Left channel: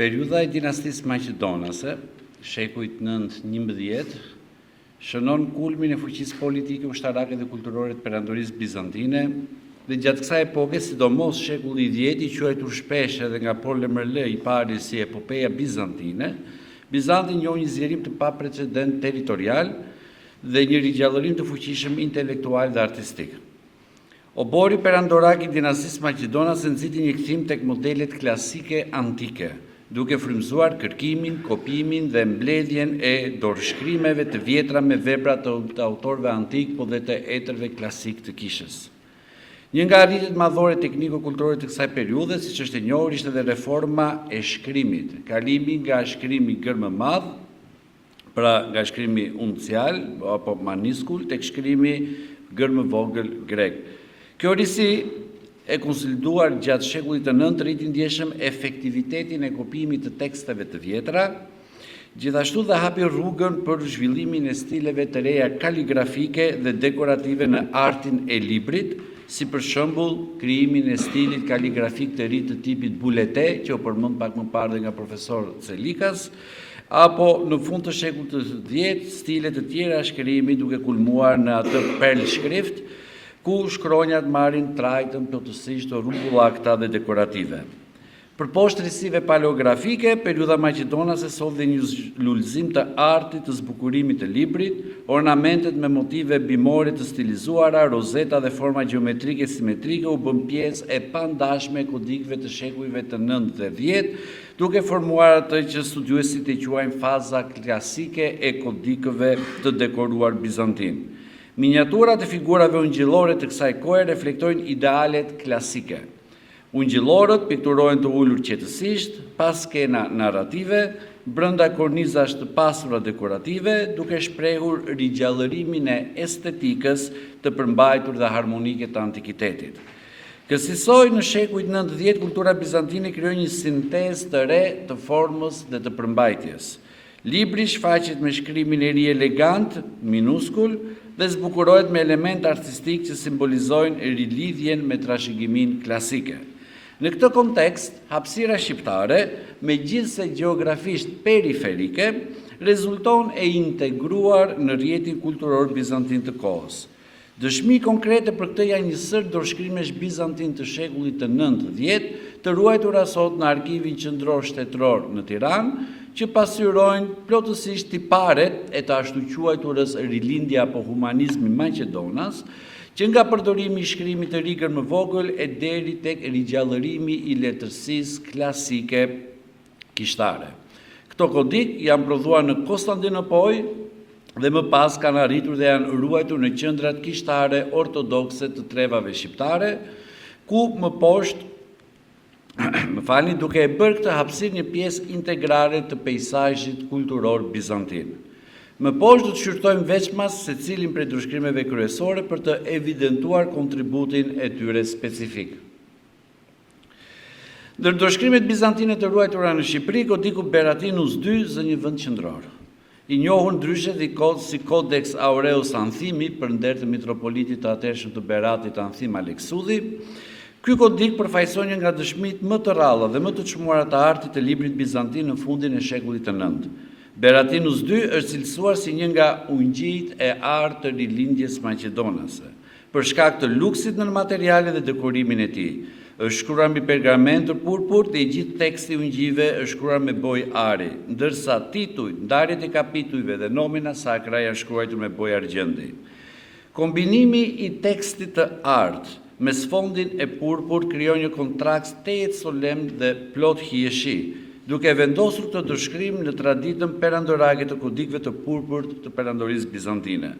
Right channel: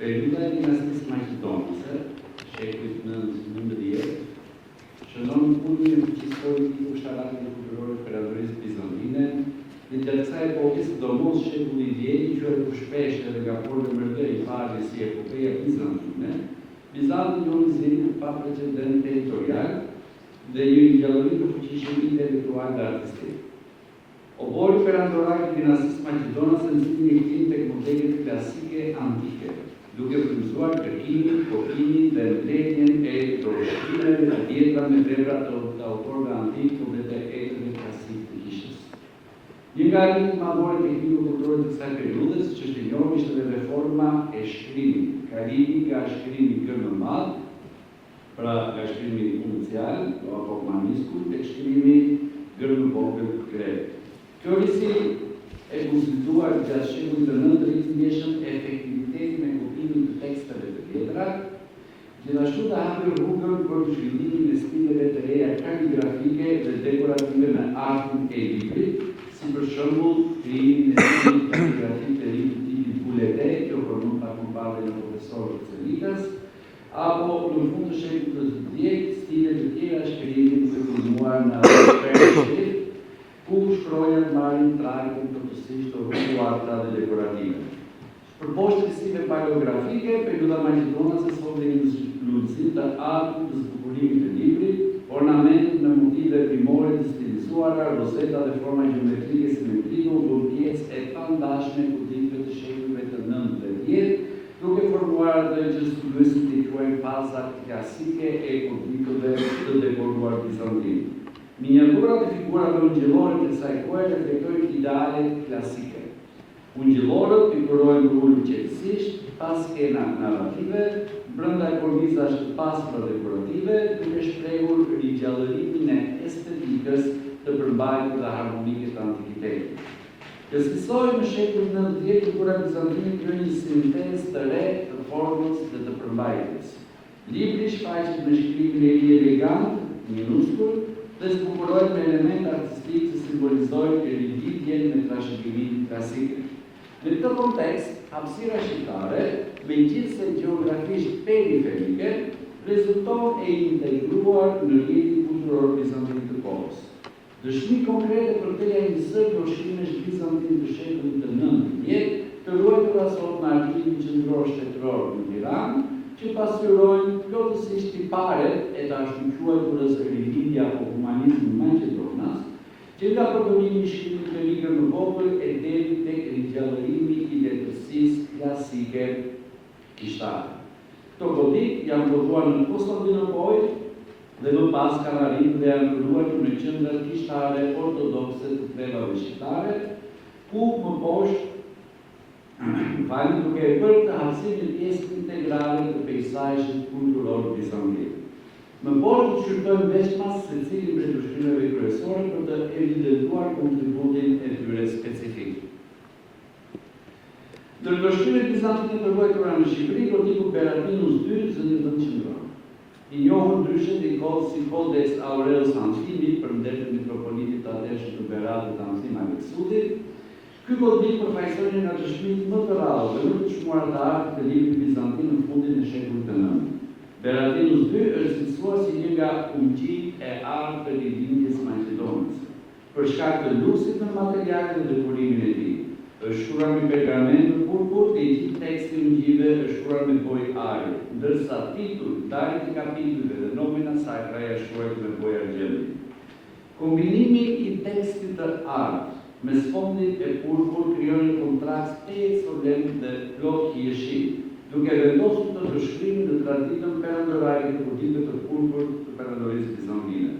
Periudha e dinastisë Maqedonase, shekujt 9-11, shënon kulmin e fuqisë politike, ushtarake dhe kulturore të perandorisë bizantine, dhe gjatë kësaj epoke, sidomos shekulli i 10, i quajtur shpesh edhe nga Paul Lemerle i pari si epopeja bizantine, Bizanti njohë një zgjerim të paprecedent territorial dhe një rigjallërim të fuqishëm intelektual dhe artistik. Obori perandorak i dinastisë Maqedonase nxiti një kthim tek modelet klasike antike, duke frymëzuar kërkimin, kopimin dhe mbledhjen e dorëshkrimeve të vjetra me vepra të autorëve antik, po dhe të etërve klasik të kishës. Një nga arritjet madhore tekniko-kulturore të kësaj periudhe, siç është e njohur, ishte edhe reforma e shkrimit, kalimi nga shkrimi gërmë madh, pra nga shkrimi uncial apo maniskul tek shkrimi gërmë vogël grek. Kjo risi e konsoliduar gjatë shekullit të 9 rriti ndjeshëm efektivitetin e kopimit të teksteve të vjetra, gjithashtu dhe hapi rrugën për zhvillimin e stileve të reja kaligrafike dhe dekorative në artin e librit, si për shembull krijimin e stilit kaligrafik të ri të tipit bulete, që u përmend pak më parë nga profesor Celikas, apo në fund të shekullit të 10 stile të tjera shkrimi duke kulmuar në atë perleshkrift, ku shkronjat marrin trajtën plotësisht të rrugëllakta dhe dekorative. Për poshtë risive paleografike, periudha Maqedonase solli një lullëzim të artit të zbukurimit të librit, ornamentet me motive bimore të stilizuara, rozeta dhe forma gjeometrike simetrike u bën pjesë e pandashme e kodikëve të shekullive të 9 dhe 10, duke formuar atë që studiuesit e quajnë faza klasike e kodikëve të dekoruar bizantin. Miniaturat e figurave ungjillore të kësaj kohe reflektojnë idealet klasike. Ungjillorët pikturohen të ulur qetësisht, pas skena narrative, brenda kornizash të pasura dekorative, duke shprehur rigjallërimin e estetikës të përmbajtur dhe harmonike të antikitetit. Kësaj në shekujt 9-10, kultura bizantine krijoi një sintezë të re të formës dhe të përmbajtjes. Libri shfaqet me shkrimin e ri elegant, minuskul, dhe zbukurohet me elemente artistik që simbolizojnë rilidhjen me trashëgimin klasike. Në këtë kontekst, hapësira shqiptare, megjithëse gjeografisht periferike, rezulton e integruar në rrjetin kulturor bizantin të kohës. Dëshmi konkrete për këtë janë një sër dorëshkrimesh bizantin të shekullit të 9-10, të ruajtura sot në Arkivin Qendror Shtetëror në Tiranë, që pasqyrojnë plotësisht tiparet e të ashtu quajturës rilindja apo humanizmi Maqedonas, që nga përdorimi i shkrimit të ri gërmë vogël e deri tek rigjallërimi i letërsisë klasike kishtare. Këto kodik janë prodhuar në Konstantinopol dhe më pas kanë arritur dhe janë ruajtur në qendrat kishtare ortodokse të trevave shqiptare, ku më poshtë duke e bërë këtë hapësirë një pjesë integrale të peizazhit kulturor bizantin. Më poshtë do të shqyrtojmë veçmas secilin prej dorëshkrimeve kryesore për të evidentuar kontributin e tyre specifik. Ndër dorëshkrimet bizantine të ruajtura në Shqipëri, kodiku Beratinus II zë një vend qendror. I njohur ndryshe dhe si Codex Aureus Anthimi për nder të mitropolitit të atërshëm të Beratit Anthim Aleksudhi. Ky kodik përfaqëson një nga dëshmitë më të rralla dhe më të çmuara të artit të librit bizantin në fundin e shekullit të 9. Beratinus II është cilësuar si një nga ungjijt e artë të rilindjes maqedonase, për shkak të luksit në materiale dhe dekorimin e tij. Është shkruar me pergament të purpur dhe i gjithë teksti i ungjive është shkruar me bojë ari, ndërsa tituj, ndarjet e kapitujve dhe nomina sakra janë shkruar me bojë argjendi. Kombinimi i tekstit të artë me sfondin e purpur krijon një kontrast tejet solemn dhe plot hieshi, duke vendosur të dorëshkrim në traditën perandorake të kodikëve të purpurt të perandorisë bizantine.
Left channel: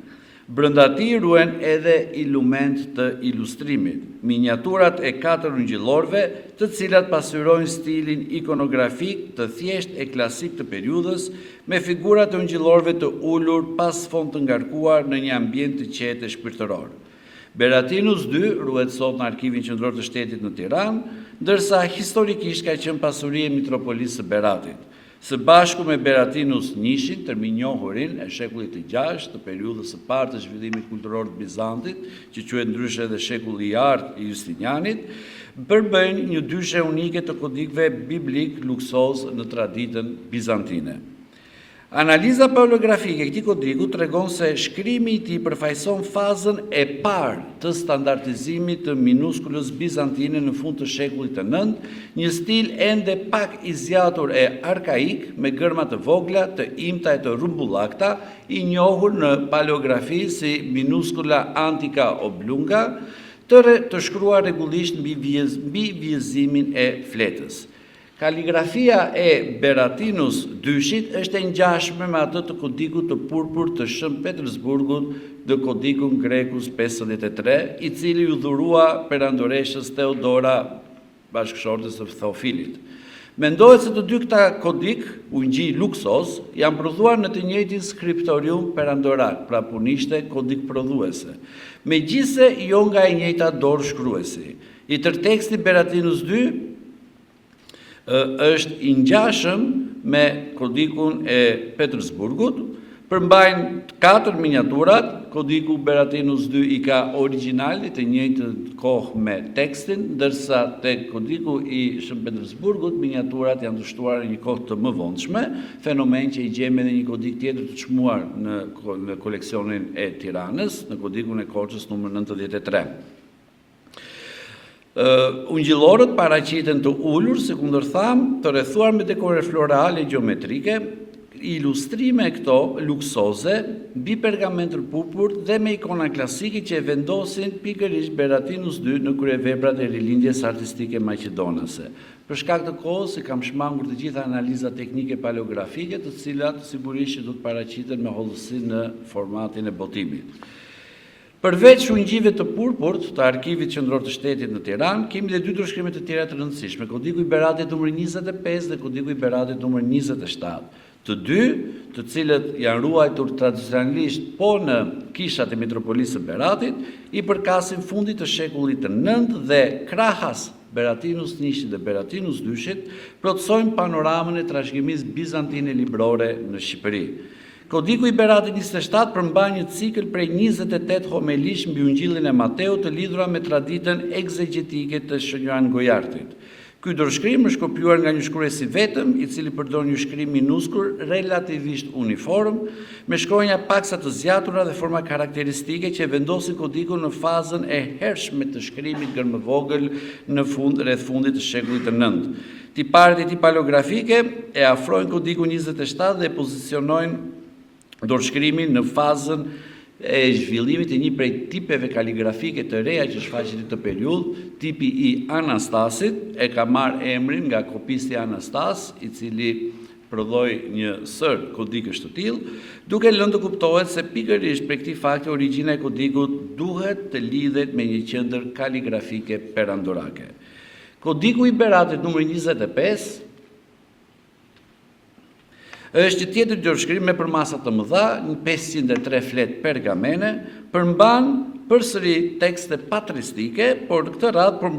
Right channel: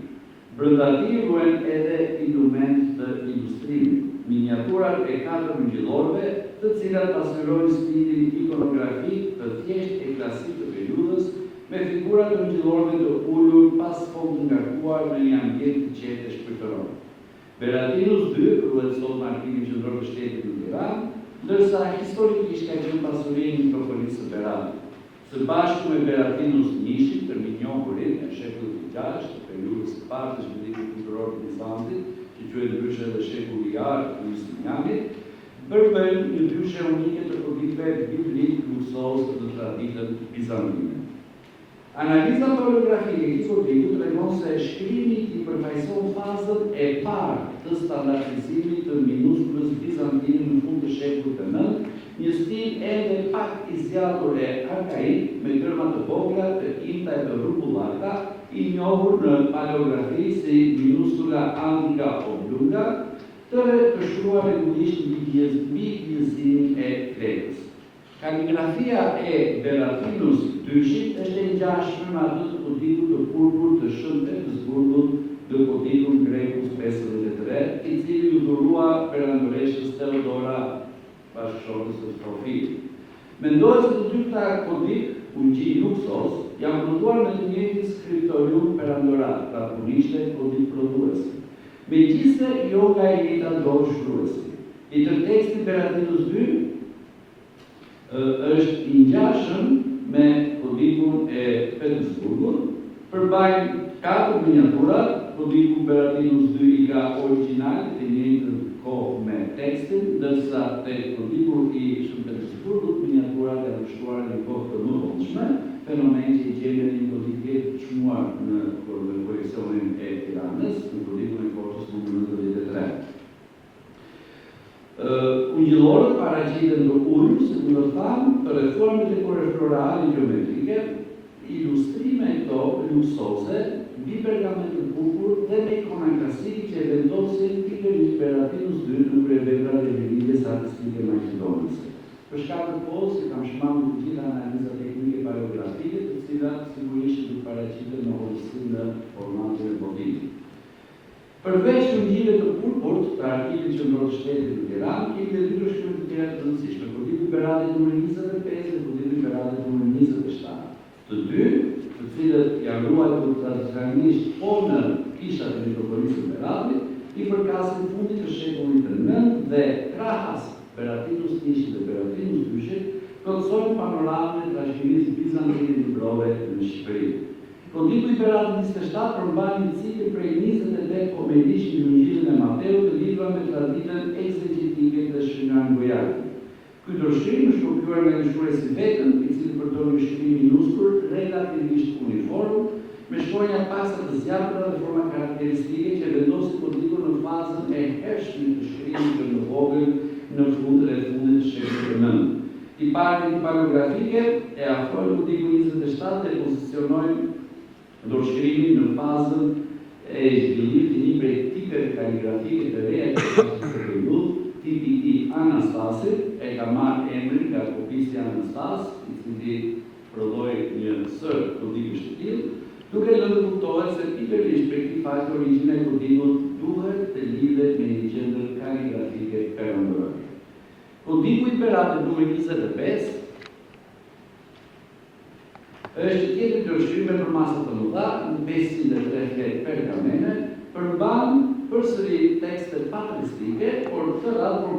Brenda tij ruhen edhe ilument të ilustrimit, miniaturat e 4 ungjillorëve, të cilat pasqyrojnë stilin ikonografik të thjesht e klasik të periudhës, me figurat e ungjillorëve të ulur pas fond të ngarkuar në një ambient të qetë e shpirtëror. Beratinus II ruhet sot në Arkivin Qendror të Shtetit në Tiranë, ndërsa historikisht ka qenë pasuri e mitropolisë së Beratit. Së bashku me Beratinus I, tërminjohurin e shekullit të 6, të periudhës së parë të zhvillimit kulturor të Bizantit, që quhet ndryshe edhe shekulli i artë i Justinianit, përbëjnë një dyshe unike të kodikëve biblik luksos në traditën bizantine. Analiza paleografike e këtij kodiku tregon se shkrimi i tij përfaqëson fazën e parë të standardizimit të minuskulës bizantine në fund të shekullit të IX, një stil ende pak i zgjatur e arkaik me gërma të vogla, të imta e të rrumbullakta, i njohur në paleografi si minuskula antika oblunga, të shkruar rregullisht mbi vjezzimin e fletës. Kaligrafia e Beratinus dyshit është e ngjashme me atë të kodikut të purpur të Shën Petersburgut dhe kodikun Grekus 53, i cili u dhurua perandoreshës Theodora, bashkëshortes së Theofilit. Mendohet se të dy këta kodik, ungji luksos, janë prodhuar në të njëjtin skriptorium perandorak, pra punishte kodik prodhuese. Megjithse jo nga e njëjta dorë shkruesi. I tërë teksti Beratinus 2 është i ngjashëm me kodikun e Petersburgut, përmbajnë 4 miniaturat, kodiku Beratinus 2 i ka origjinalin të njëjtën kohë me tekstin, ndërsa te kodiku i Shën Petersburgut miniaturat janë dështuar në një kohë të mëvonshme, fenomen që i gjejmë edhe një kodik tjetër të çmuar në koleksionin e Tiranës, në kodikun e Korçës numër 93. Ungjillorët paraqiten të ulur, si kundërtham, të rrethuar me dekore florale gjeometrike, ilustrime këto luksoze, bi pergamentër purpur dhe me ikona klasike që e vendosin pikërisht Beratinus 2 në kryeveprat e rilindjes artistike maqedonase. Për shkak të kohës e kam shmangur të gjitha analizat teknike paleografike, të cilat sigurisht do të paraqiten me hollësi në formatin e botimit. Përveç ungjive të purpurt të Arkivit Qendror të Shtetit në Tiranë, kemi dhe 2 ndryshime të tjera të rëndësishme, kodiku i Beratit numër 25 dhe kodiku i Beratit numër 27. Të dy, të cilët janë ruajtur tradicionalisht po në kishat e metropolisë së Beratit, i përkasin fundit të shekullit të IX dhe krahas Beratinus 1 dhe Beratinus 2 plotësojnë panoramën e trashëgimisë bizantine librore në Shqipëri. Kodiku i Beratit 27 përmban një cikël prej 28 homelish mbi Ungjillin e Mateut të lidhura me traditën egzegjetike të Shënjoan Gojartit. Ky dorëshkrim është kopjuar nga një shkrues i vetëm, i cili përdor një shkrim minuskul relativisht uniform, me shkronja paksa të zgjatura dhe forma karakteristike që vendosin kodikun në fazën e hershme të shkrimit gërmëvogël në rreth fundit të shekullit të IX. Tiparet e tij paleografike e afrojnë kodikun 27 dhe e pozicionojnë dorëshkrimin në fazën e zhvillimit të një prej tipeve kaligrafike të reja që shfaqet në periudhë, tipi i Anastasit, e ka marrë emrin nga kopisti Anastas, i cili prodhoi një sër kodikësh të tillë, duke lënë të kuptohet se pikërisht për këtij fakti origjina e kodikut duhet të lidhet me një qendër kaligrafike perandorake. Kodiku i Beratit numër 25 është tjetër dorëshkrim me përmasa të mëdha, në 503 flet pergamene, përmban përsëri tekste patristike, por në këtë radhë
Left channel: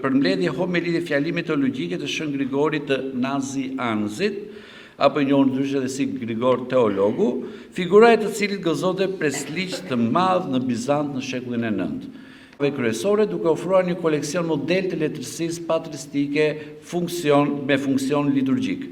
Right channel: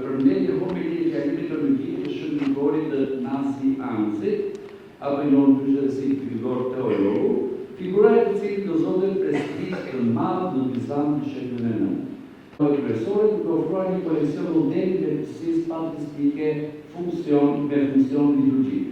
përmbledhje homerike fjalimit teologjike të Shën Grigorit të Nazianzit, apo njohur ndryshe edhe si Grigor Teologu, figura e të cilit gëzonte presligj të madh në Bizant në shekullin e IX. Kryesore duke ofruar një koleksion model të letërsisë patristike me funksion liturgjik.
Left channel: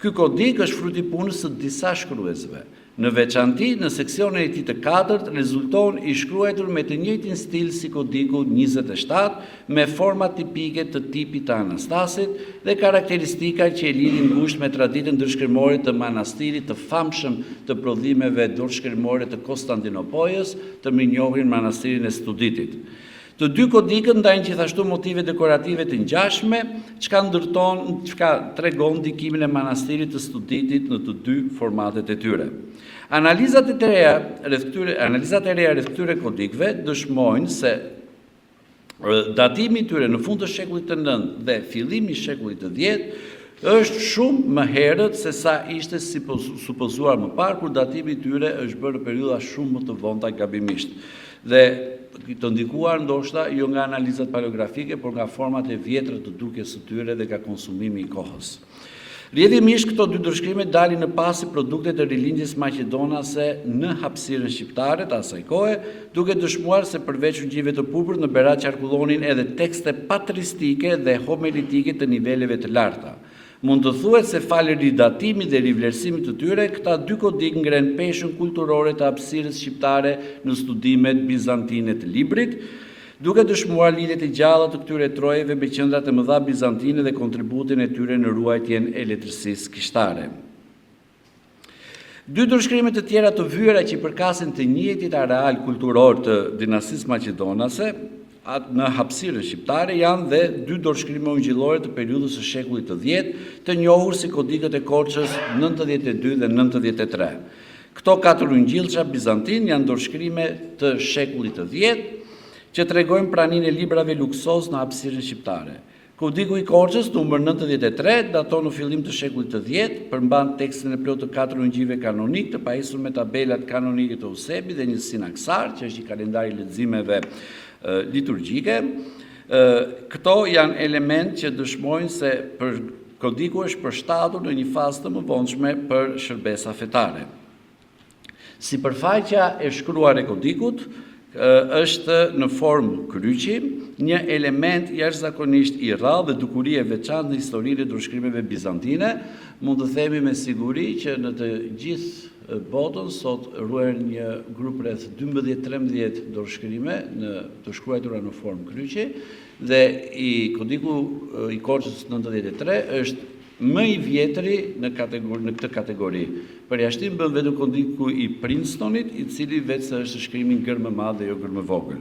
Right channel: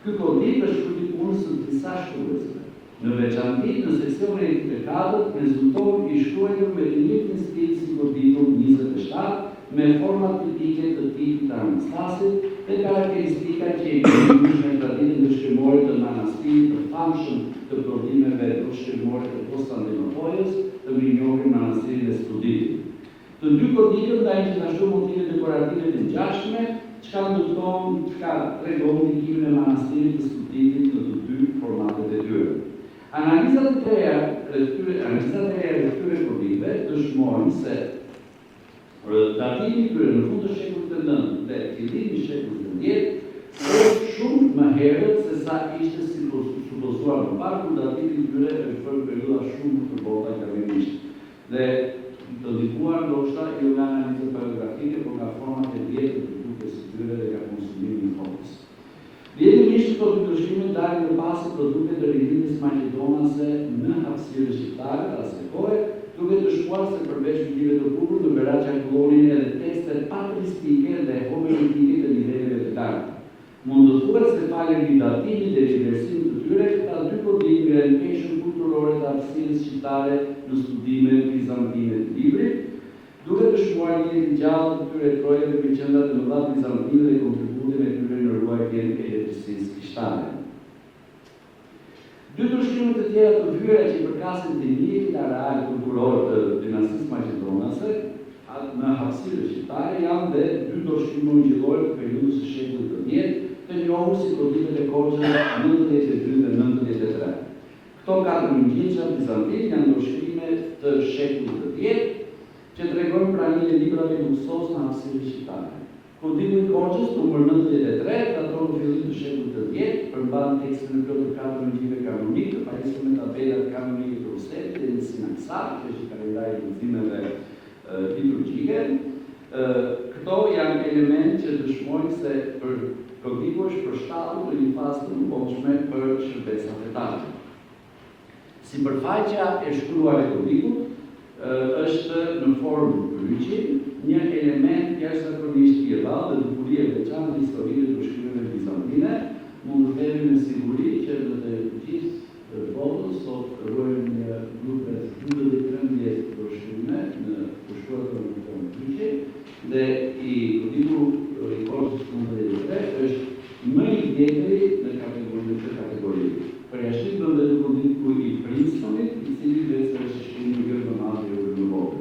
Ky kodik është fruti punës së disa shkruesve. Në veçanti, në seksionin e tij të 4 rezulton i shkruar me të njëjtin stil si kodiku 27, me forma tipike të tipit të Anastasit dhe karakteristika që i lidhin ngushtë me traditën dorëshkrimore të manastirit të famshëm të prodhimeve dorëshkrimore të Konstantinopojës, të mirënjohur manastirin e Studitit. Të dy kodikët ndajnë gjithashtu motive dekorative të ngjashme, çka tregon ndikimin e manastirit të Studitit në të dy formatet e tyre. Analizat e reja rreth këtyre kodikëve dëshmojnë se datimi i tyre në fund të shekullit të IX dhe fillimi i shekullit të X është shumë më herët se sa ishte supozuar më parë, kur datimi i tyre është bërë periudha shumë më të vonta gabimisht. Dhe të ndikuar ndoshta jo nga analizat paleografike, por nga format e vjetra të dukjes së tyre dhe nga konsumimi i kohës. Rrjedhimisht këto dy ndërshkrime dalin në pasi produkte të rilindjes maqedonase në hapësirën shqiptare të asaj kohe, duke dëshmuar se përveç ugjive të purpur në Berat qarkullonin edhe tekste patristike dhe homiletike të niveleve të larta. Mund të thuhet se falë ridatimit dhe rivlerësimit të tyre, këta dy kodik ngren peshën kulturore të hapësirës shqiptare në studimet bizantine të librit, duke dëshmuar lidhjet e gjalla të këtyre trojeve me qendrat e mëdha bizantine dhe kontributin e tyre në ruajtjen e letërsisë kishtare. Dy ndërshkrime të tjera të vyera që përkasin të njëjtit areal kulturor të dinastisë maqedonase në hapësirën shqiptare janë dhe dy ndërshkrime ungjillore të periudhës së shekullit të 10, të njohur si kodikët e Korçës 92 dhe 93. Këto katër ungjillça bizantin janë ndërshkrime të shekullit të 10 që tregojnë praninë e librave luksoz në hapësirën shqiptare. Kodiku i Korçës numër 93 daton në fillim të shekullit të 10, përmban tekstin e plotë të katër ungjive kanonik të pajisur me tabelat kanonike të Eusebit dhe një sinaksar, që është një kalendar i leximeve liturgjike. Këto janë element që dëshmojnë se kodiku është përshtatur në një fazë të mëvonshme për shërbesa fetare. Sipërfaqja e shkruar e kodikut është në formë kryqi, një element jashtëzakonisht i rrallë dhe dukuri e veçantë në historinë e ndërshkrimeve bizantine. Mund të themi me siguri që në të gjithë botën sot ruajnë një grup rreth 12-13 ndërshkrime të shkruara në formë kryqi dhe kodiku i Korçës 93 është më i vjetri në këtë kategori. Përjashtim bën vetëm kodiku i Princetonit, i cili vetë është shkrimi i gërmë madh dhe jo gërmë vogël.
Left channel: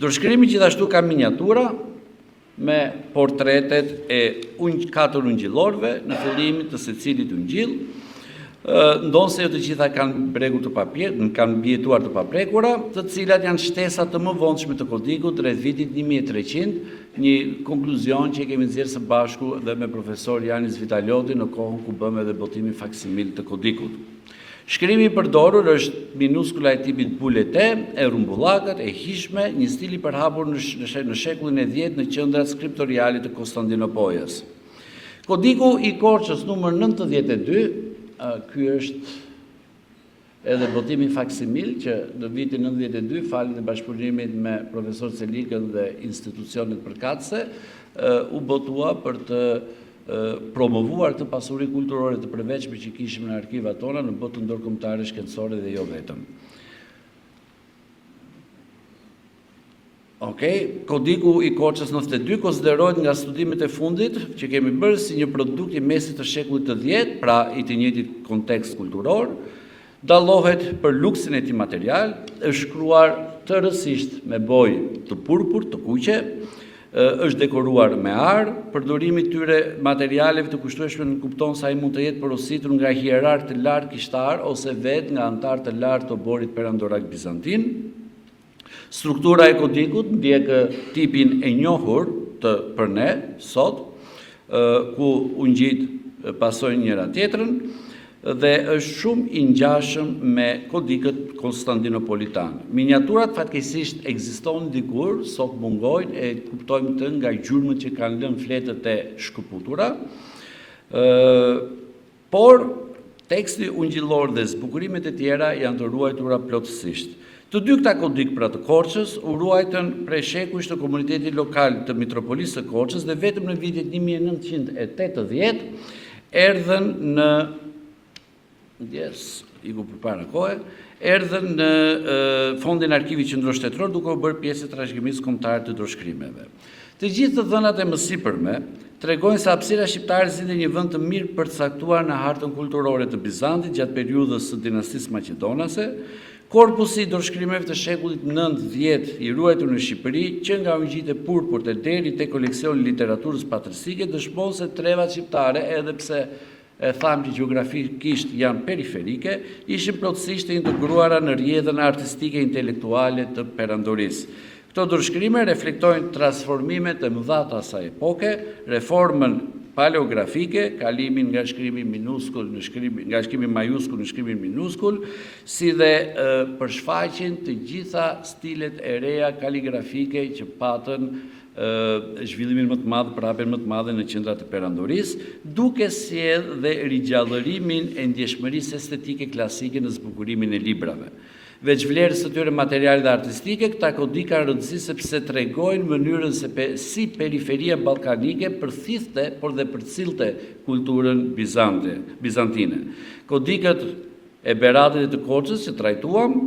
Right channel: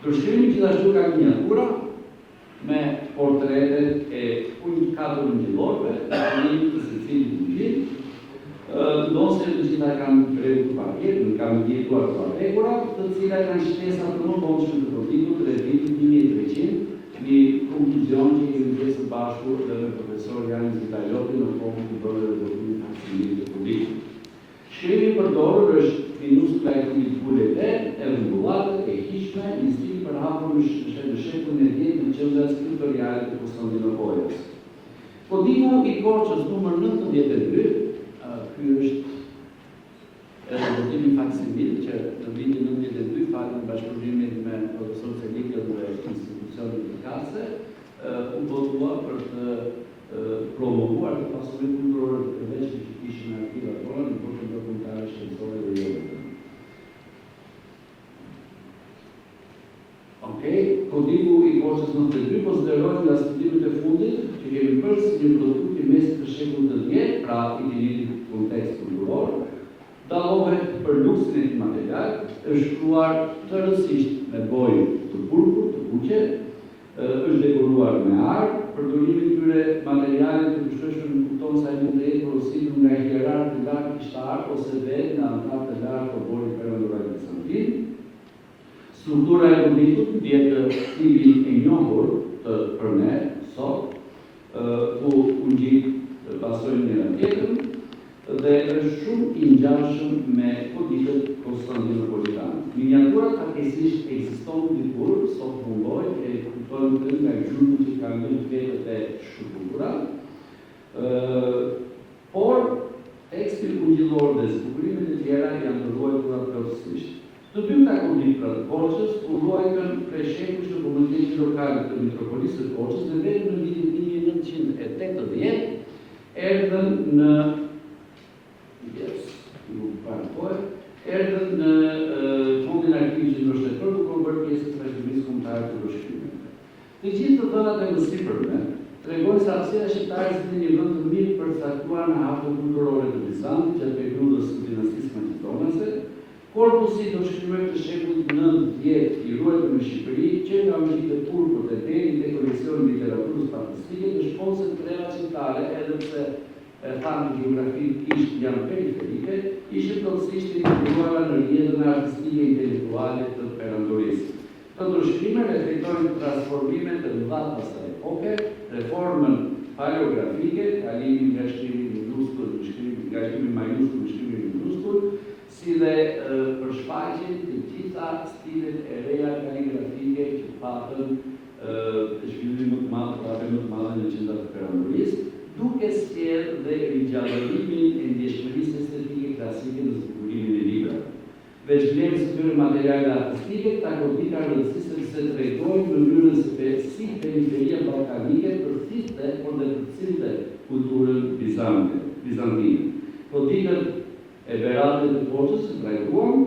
Ndërshkrimi gjithashtu ka miniatura me portretet e katër ungjillorëve në fillim të secilit ungjill. Ndonë se jo të gjitha kanë bregur të papir, kanë mbijetuar të paprekura, të cilat janë shtesat të mëvonshme të kodikut rreth vitit 1300, një konkluzion që kemi nxjerrë së bashku dhe me profesor Janis Vitalioti në kohën ku bëmë edhe botimin faksimil të kodikut. Shkrimi i përdorur është minuskula e tipit bulete, e rumbullakët, e hishme, një stil i përhapur në shekullin e 10 në qendrat skriptoriale të Konstantinopolës. Kodiku i Korçës numër 92, ky është edhe botimi faksimil që në vitin 92, falë në bashkëpunimit me profesor Celikën dhe institucionet përkatëse, u botua për të promovuar të pasuri kulturore të përveçme që kishim në arkivat tona në botën ndërkombëtare shkencore dhe jo vetëm. Kodiku i Korçës 92 konsiderohet nga studimet e fundit që kemi bërë si një produkt i mesit të shekullit të 10, pra i të njëjtit kontekst kulturor, dallohet për luksin e tij material, është shkruar të rësisht me bojë të purpur, të kuqe, është dekoruar me ar, përdorimi i tyre materialeve të kushtueshme në kupton se ai mund të jetë porositur nga hierark të lartë kishtar ose vetë nga antar të lartë të oborit perandorak bizantin. Struktura e kodikut ndjek tipin e njohur për ne sot, ku ungjit pasojnë njëra tjetrën dhe është shumë i ngjashëm me kodikët konstantinopolitan. Miniaturat fatkeqësisht ekzistojnë dikur, sot mungojnë, e kuptojmë të nga gjurmët që kanë lënë fletët e shkëputura, por teksti ungjillor dhe zbukurimet e tjera janë të ruajtura plotësisht. Të dy këta kodik pra të Korçës u ruajtën prej shekujsh të komunitetit lokal të mitropolisë së Korçës dhe vetëm në vitin 1980 erdhën në fondin arkivit qendror shtetëror duke u bërë pjesë e trashëgimisë kombëtare të ndërshkrimeve. Të gjithë të dhënat e mësipërme tregojnë se hapësira shqiptare zgjidhej një vend të mirë përcaktuar në hartën kulturore të Bizantit gjatë periudhës së dinastisë maqedonase. Korpusi i ndërshkrimeve të shekullit 9-10 i ruajtur në Shqipëri, që nga ungjitë e purpurt deri te koleksioni i literaturës patristike, dëshmon se trevat shqiptare, edhe pse e thamë që gjeografikisht janë periferike, ishin plotësisht e integruara në rrjedhën artistike intelektuale të perandorisë. Këto ndërshkrime reflektojnë transformimet e mëdha të asaj epoke, reformën paleografike, kalimin nga shkrimi minuskul nga shkrimi majuskul në shkrimin minuskul, si dhe përshfaqjen të gjitha stilet e reja kaligrafike që patën zhvillimin më të madh, prapën më të madhe në qendrat e perandorisë, duke sjellë dhe rigjallërimin e ndjeshmërisë estetike klasike në zbukurimin e librave. Veç vlerës së tyre materiale dhe artistike, këta kodi ka rëndësi sepse tregojnë mënyrën se si periferia ballkanike përthithte, por dhe përcillte kulturën bizantine. Kodikët e Beradit dhe të Korçës që trajtuam,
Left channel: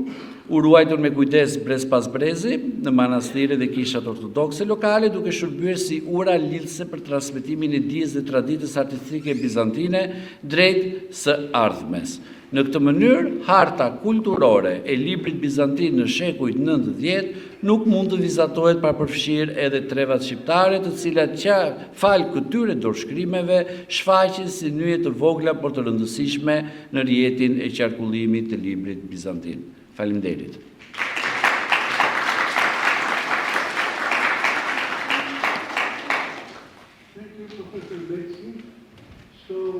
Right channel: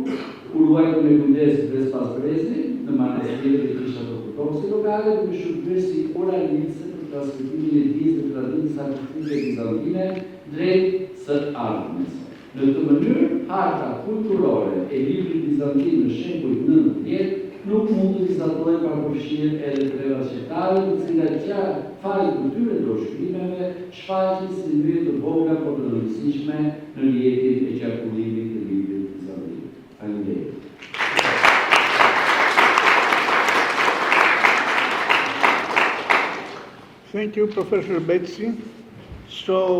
u ruajtur me kujdes brez pas brezi në manastiret dhe kishat ortodokse lokale, duke shërbyer si ura lidhëse për transmetimin e dijes dhe traditës artistike bizantine drejt së ardhmes. Në këtë mënyrë, harta kulturore e librit bizantin në shekujt 9-10 nuk mund të vizatohet pa përfshirë edhe trevat shqiptare, të cilat që falë këtyre dorëshkrimeve shfaqen si nyje të vogla por të rëndësishme në rrjetin e qarkullimit të librit bizantin. Faleminderit. Thank you, Professor Betsy. So